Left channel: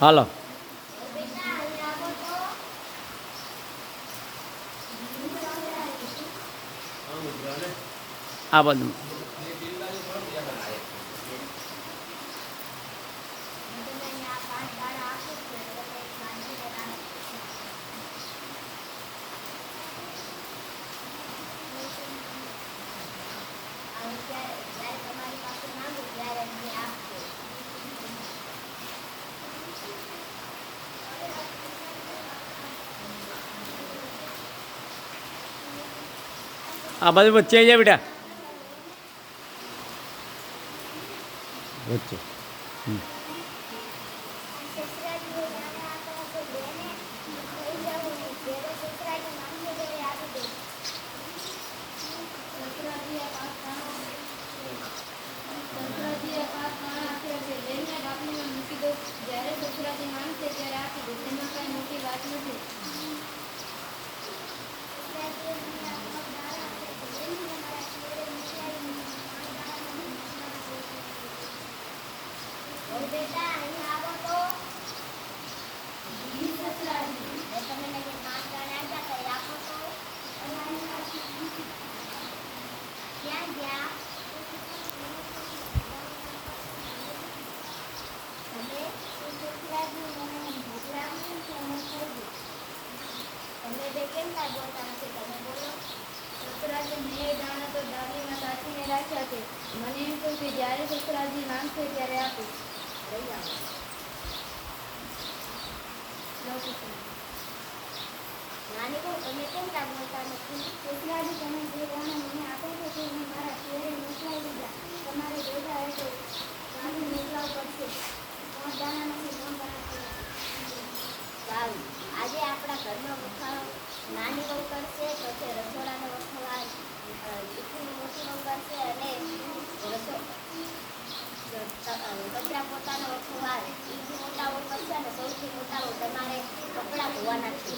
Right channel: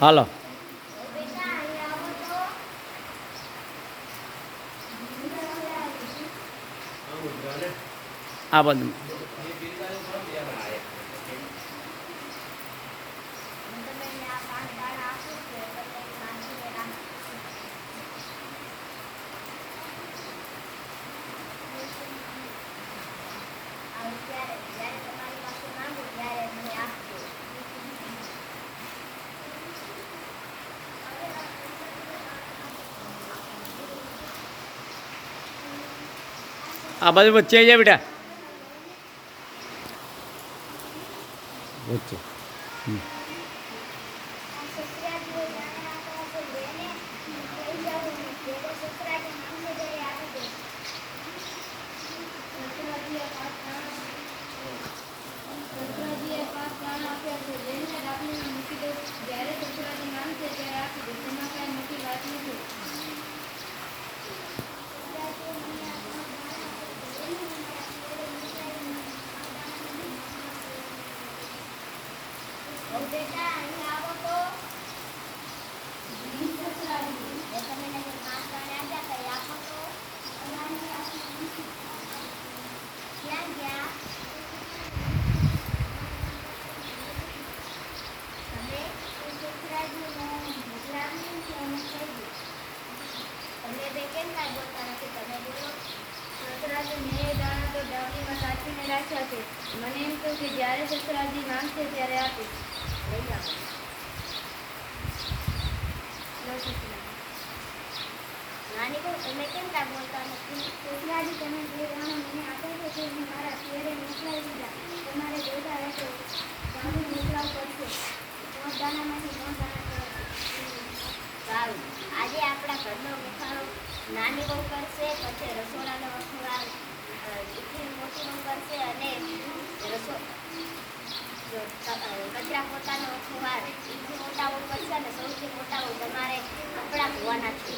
હાલો. આ બધું આ બાજુ વચ્ચે આવી જાય બેટા. વચ્ચે. કેમ કાંઈ બોલતા નથી તમે બોલો સસરાજી મેં એ દાણા તો ડાબલીમાં સાચવીને રાખ્યા છે મને એમ કહ્યું કે જ્યારે સસરાજી માંગશે ત્યારે આપીશ લઈ આવો નાની કહું તમે કેમ કાંઈ બોલતા નથી? સસરાજી તમે જે દાણા મને આપો છો તે હું મારા ઘરે મોકલાવી દીધા. તમારે જોતા હશો ગામડું મોકલાવવું પડશે. ત્રણ દાણામાંથી ત્રણ દાણા થયા સારું. આજે આપણા ઘરનો મુખારો નાની બહુ કરશે પછી રસોડાનો વખવાર અ, દીકરી મોટી બહુ કરશે અને રસો જો ત- પોતાના વખોવાર એ મોટા બહુ કરશે અને સૌથી મોટા તમારે કપડાં ધોવાના છે.